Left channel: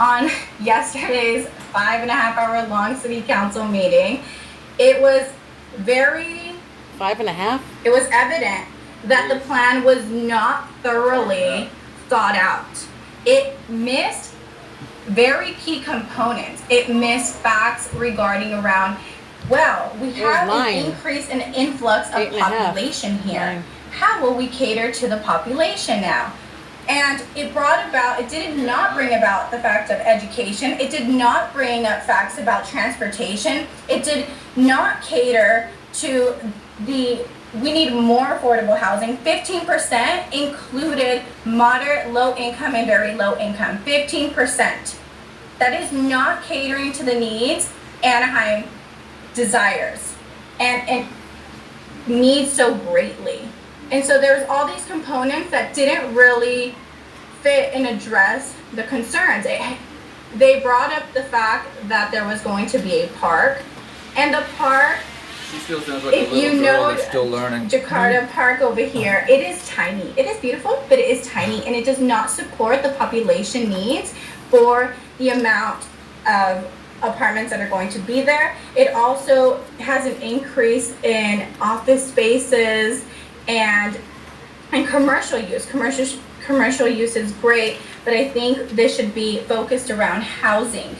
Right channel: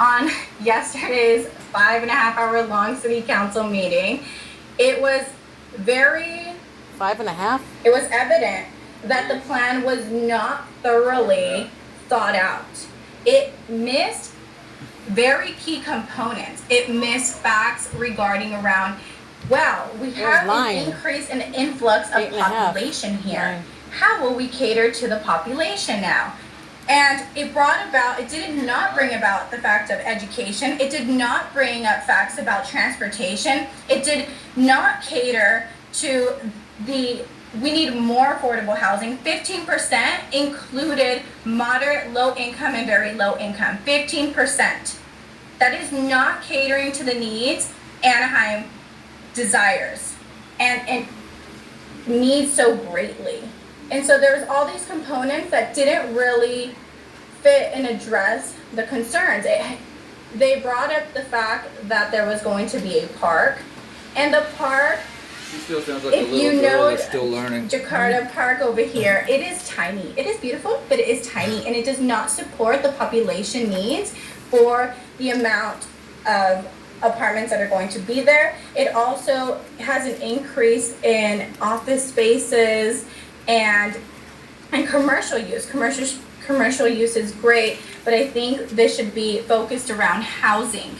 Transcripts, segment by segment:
on yesterday's 5.5 hour long city council meeting, it was very 5.5? it was evident that the plan was not thoroughly thought out. It missed very key components. It missed facts regarding around, well, we have an increase in influx of population here. How will we cater to the population now? And it did not bring about the fact of education. It did not bring up facts about transportation. It did not cater to we need more affordable housing. 15% included moderate, low income, and very low income. 15%. That is not catering to the needs Anaheim desires and needs so greatly. And so there's all these components that didn't really fit and address the concerns. They brought up the fact that there was going to be a park, and the park, she still sounds like a little girl that's still learning. Jakarta Park over here, it is tiny. It is beautiful, but it is tiny, and it does not support the population needs for the amount of apartments that are going to be there. It also has an increase in office spaces and commercial use. Commercial use is great, but I think this should be focused around housing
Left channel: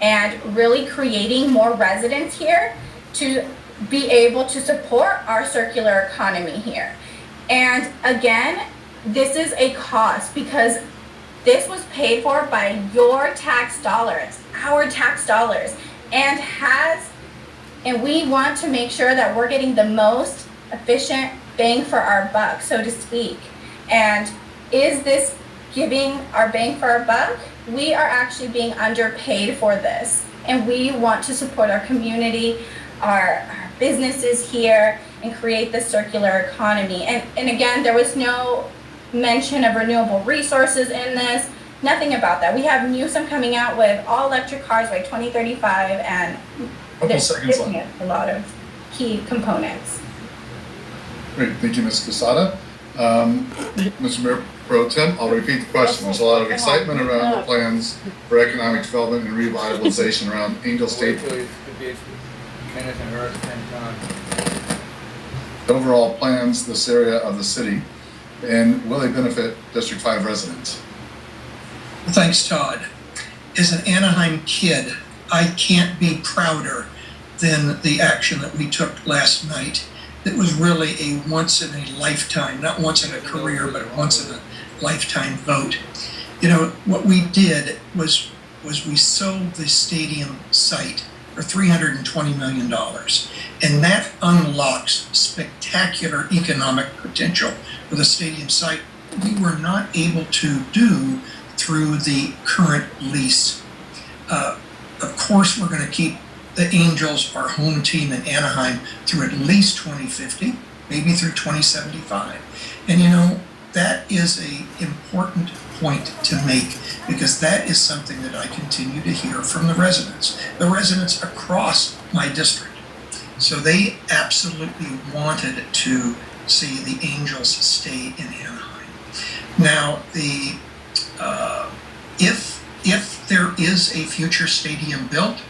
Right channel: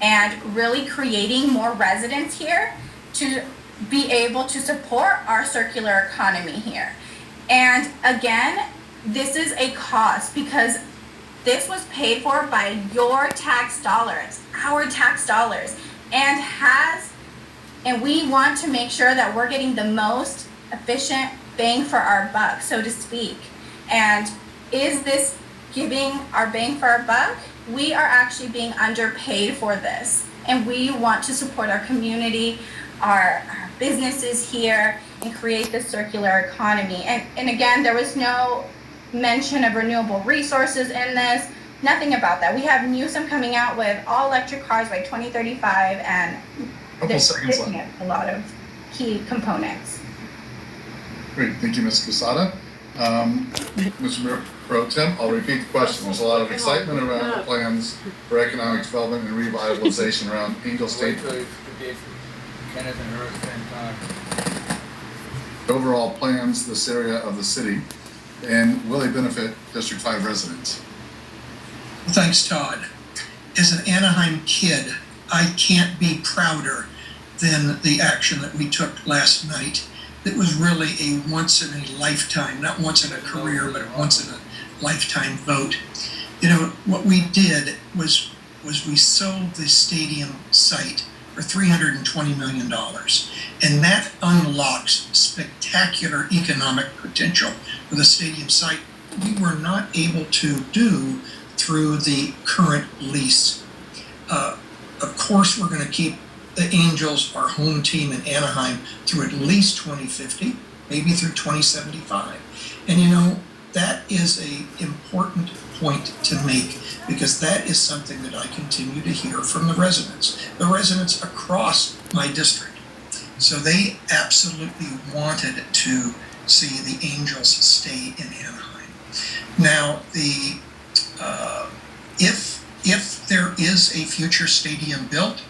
and really creating more residents here to be able to support our circular economy here. And again, this is a cost because this was paid for by your tax dollars, our tax dollars, and we want to make sure that we're getting the most efficient bang for our buck, so to speak. And is this giving our bang for our buck? We are actually being underpaid for this, and we want to support our community, our businesses here, and create this circular economy. And again, there was no mention of renewable resources in this, nothing about that. We have Newsom coming out with all electric cars by 2035, and they're skipping a lot of key components. Great, thank you, Ms. Quesada. Mr. Mayor Pro Tem, I'll repeat the question. There's a lot of excitement around the plans for economic development and revitalization around Angel State. Overall plans this area of the city, and will they benefit District 5 residents? Thanks, Todd. As an Anaheim kid, I can't be prouder than the action that we took last night. It was really a once in a lifetime, not once in a career, but a once in a lifetime vote. You know, what we did was we sold the stadium site for $320 million. And that unlocks spectacular economic potential for the stadium site we were not able to do through the current lease. Of course, we're going to keep the Angels, our home team in Anaheim, through at least 2050, maybe through 2075. And you know, that is an important point to make, because that is something that I continue to hear from the residents across my district. So they absolutely wanted to see the Angels stay in Anaheim. Now, if there is a future stadium built,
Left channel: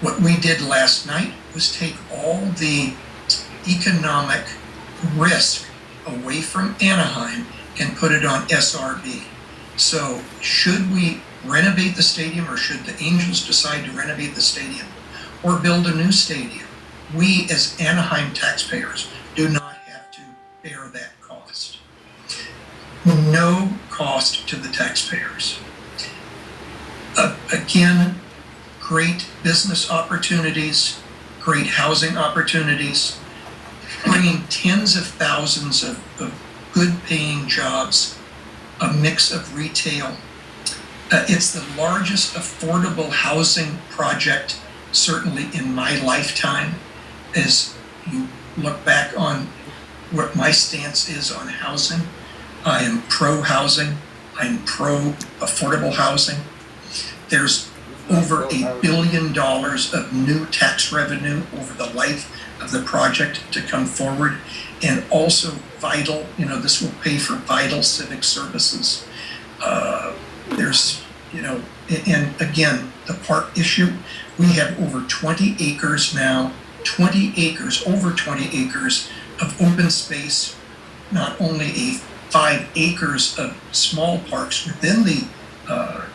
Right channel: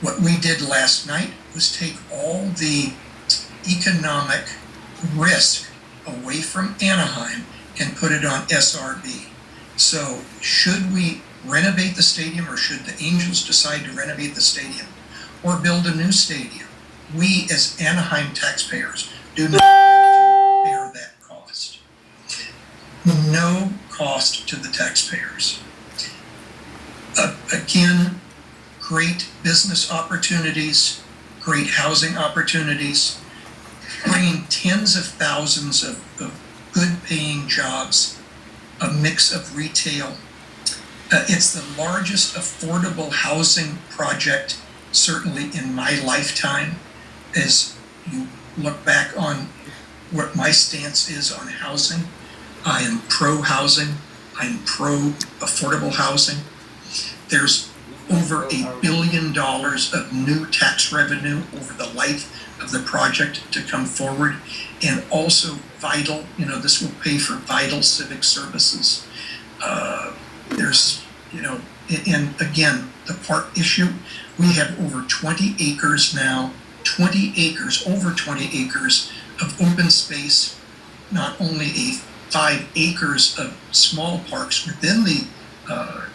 what we did last night was take all the economic risk away from Anaheim and put it on SRB. So should we renovate the stadium, or should the Angels decide to renovate the stadium or build a new stadium, we as Anaheim taxpayers do not have to bear that cost. No cost to the taxpayers. Again, great business opportunities, great housing opportunities, bringing tens of thousands of good paying jobs, a mix of retail. It's the largest affordable housing project, certainly in my lifetime. As you look back on what my stance is on housing, I am pro housing, I'm pro affordable housing. There's over $1 billion of new tax revenue over the life of the project to come forward, and also vital, this will pay for vital civic services. There's and again, the park issue, we have over 20 acres now, 20 acres, over 20 acres of open space, not only 5 acres of small parks within the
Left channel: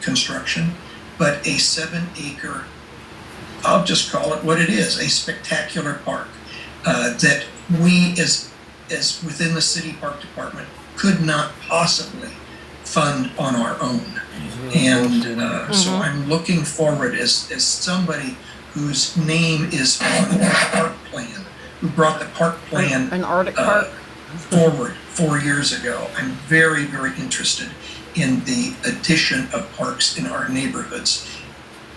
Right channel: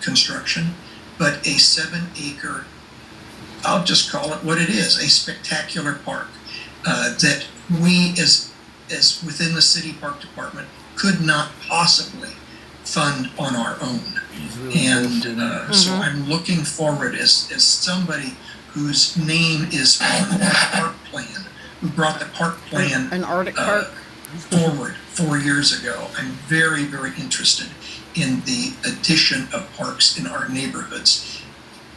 construction, but a 7-acre, I'll just call it what it is, a spectacular park that we as within the city park department could not possibly fund on our own. And so I'm looking forward as somebody whose name is on the park plan, who brought the park plan An Arctic park. forward 4 years ago. I'm very, very interested in the addition of parks in our neighborhoods.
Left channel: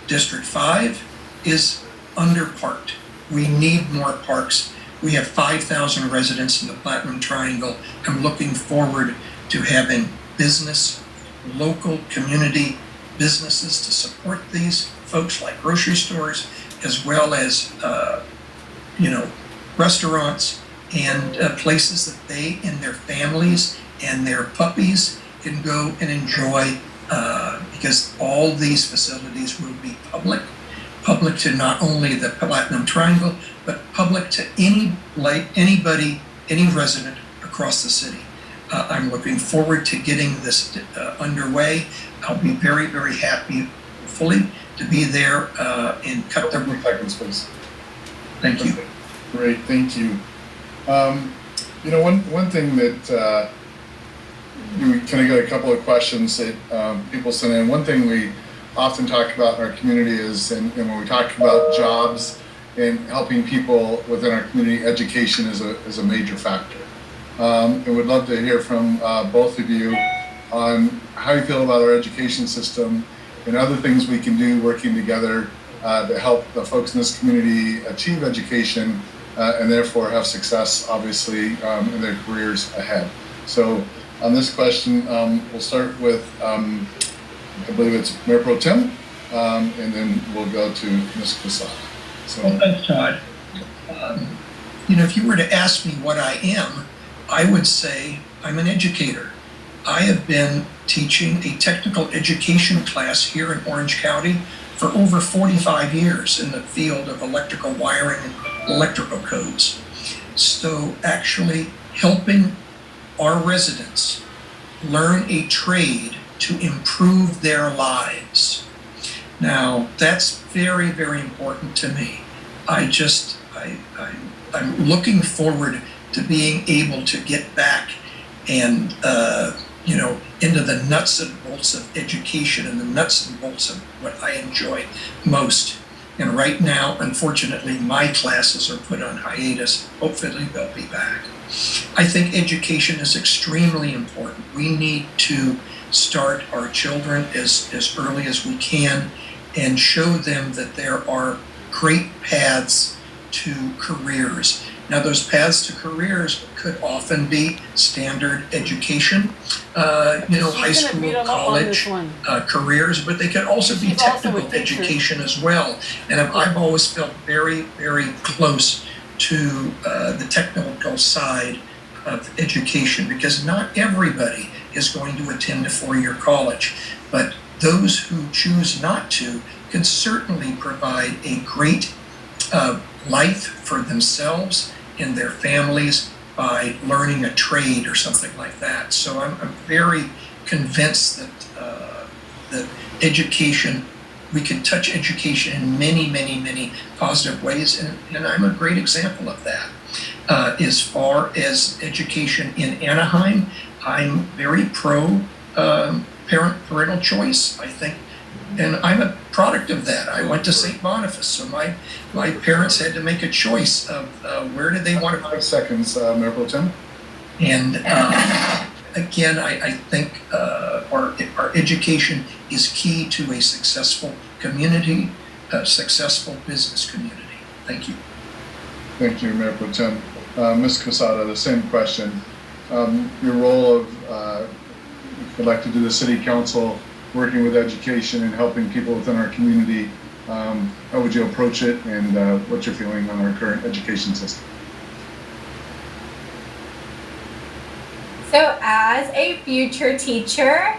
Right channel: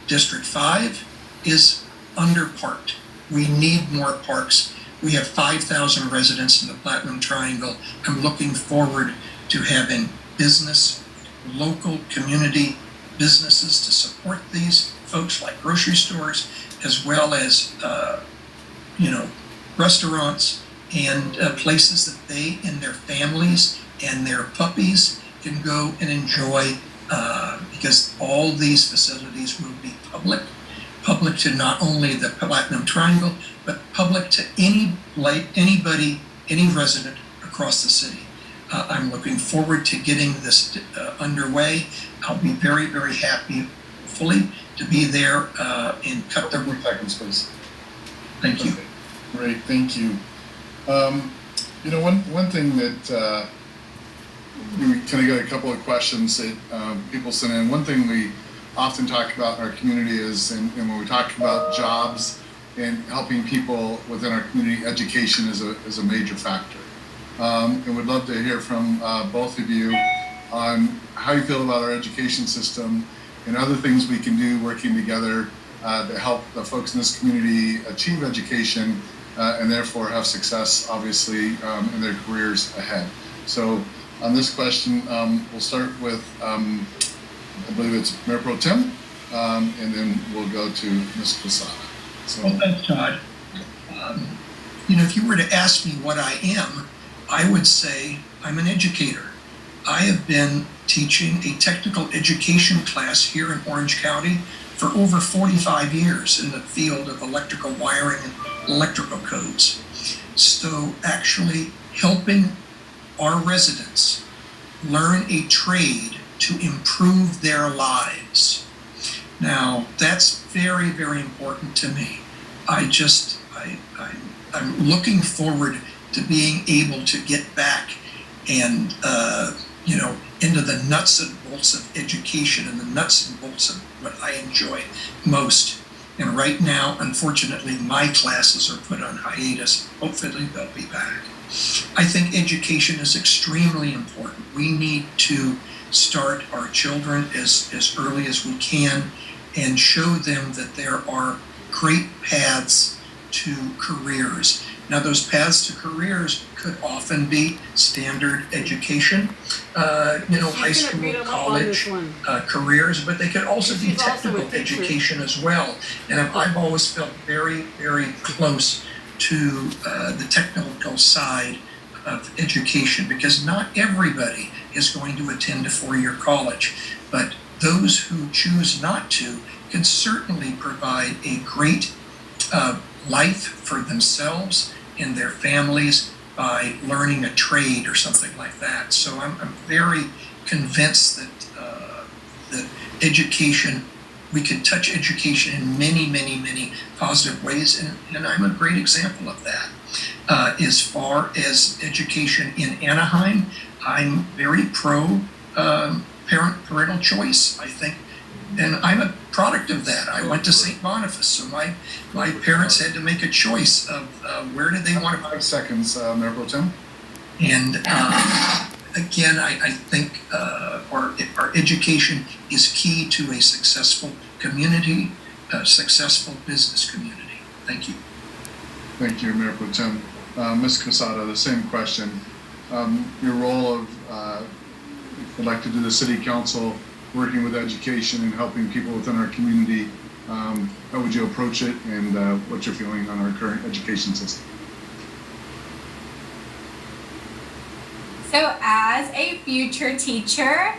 District 5 is underparked. We need more parks. We have 5,000 residents in the Platinum Triangle. I'm looking forward to having business, local community businesses to support these folks, like grocery stores, as well as restaurants and places that they and their families and their puppies can go and enjoy, because all these facilities will be public to not only the Platinum Triangle, but public to anybody, any resident across the city. I'm looking forward to getting this underway. I'll be very, very happy, hopefully, to be there and cut the. Seconds, please. Thank you. Great, thank you. One thing that we kind of got a couple of questions that people sent in. One thing we often talk about in our community is, and when we talk about jobs and helping people within our community, education is a major factor. And we'd love to hear from both of you on how you feel about our education system and other things we can do working together to help the folks in this community achieve education and therefore have success, obviously, in their careers ahead. So on this question, we'll start with, I believe it's Mayor Pro Tem, and then we'll go to Ms. Quesada. So, well, thanks, Todd. If you were to ask me what I am, I would say I'm an educator. I have been teaching a technical education class here in Orange County for over 45 years in the field of electrical wiring and electrical codes. So actually helping our residents learn a trade to improve their lives. Now, that's very, very important to me. I'm looking forward to being able to get back and, into the nuts and bolts of education and the nuts and bolts of what I enjoy most. And right now, unfortunately, my classes are put on hiatus. Hopefully they'll be back. I think education is extremely important. We need to start our children as early as we can and show them that there are great paths to careers. Now, those paths to careers could often be standard education, high school, college, careers, but they could also be technical education as well. And I've always felt very, very close to the technical side of education, because not everybody is going to attend a 4-year college, but those who choose not to can certainly provide a great life for themselves and their families by learning a trade or something like that. So I'm very convinced that education, we can touch education in many, many, many positive ways, and I'm a great example of that. As far as education in Anaheim, I'm very pro parental choice, I think. And I'm a product of that. I went to St. Boniface, so my parents had to make a choice of where did they want to. 5 seconds, Mayor Pro Tem. And again, I think our education is key to a successful community, a successful business community. Thank you. Thank you, Mayor Pro Tem. Ms. Quesada, the same question. Your role of elected to the City Council, working with education and helping people within our community, how would you approach it, and what's your feeling on our current education system? So as a future teacher,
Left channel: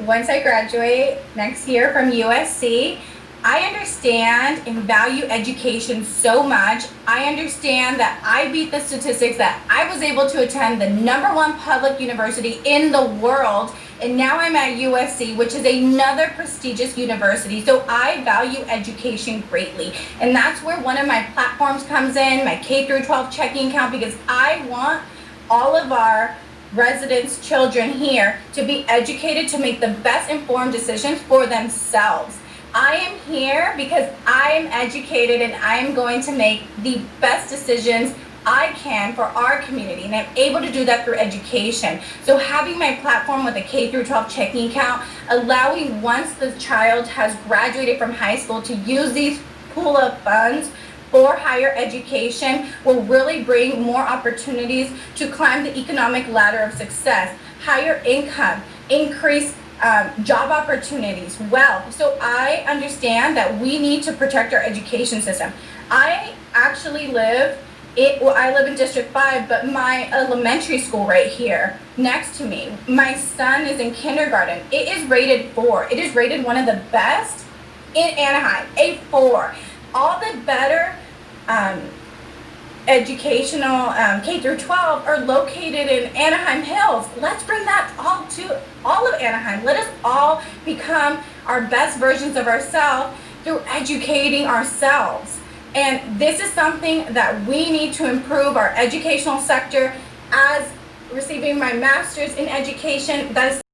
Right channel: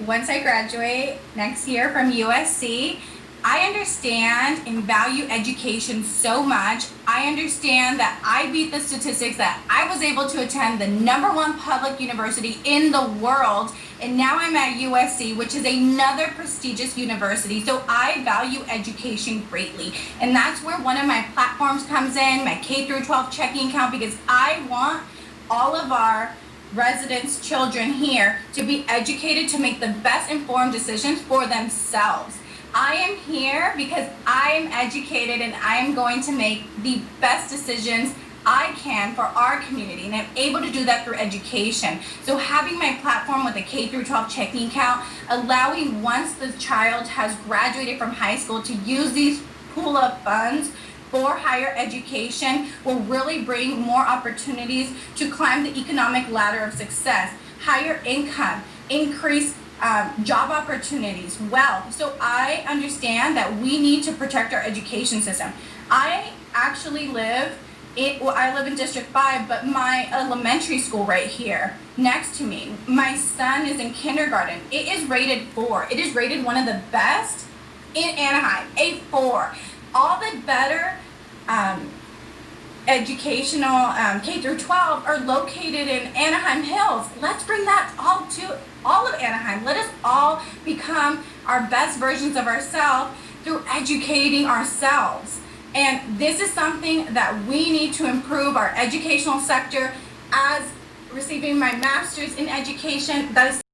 once I graduate next year from USC, I understand and value education so much. I understand that I beat the statistics that I was able to attend the #1 public university in the world, and now I'm at USC, which is another prestigious university. So I value education greatly, and that's where one of my platforms comes in, my K through 12 checking account, because I want all of our residents, children here to be educated to make the best informed decisions for themselves. I am here because I am educated and I am going to make the best decisions I can for our community, and I'm able to do that through education. So having my platform with a K through 12 checking account, allowing once the child has graduated from high school to use these pool of funds for higher education will really bring more opportunities to climb the economic ladder of success, higher income, increase job opportunities, wealth. So I understand that we need to protect our education system. I actually live I live in District 5, but my elementary school right here next to me, my son is in kindergarten. It is rated 4. It is rated one of the best in Anaheim, a 4. All the better educational K through 12 are located in Anaheim Hills. Let's bring that all to all of Anaheim. Let us all become our best versions of ourselves through educating ourselves. And this is something that we need to improve our educational sector. As receiving my master's in education, that is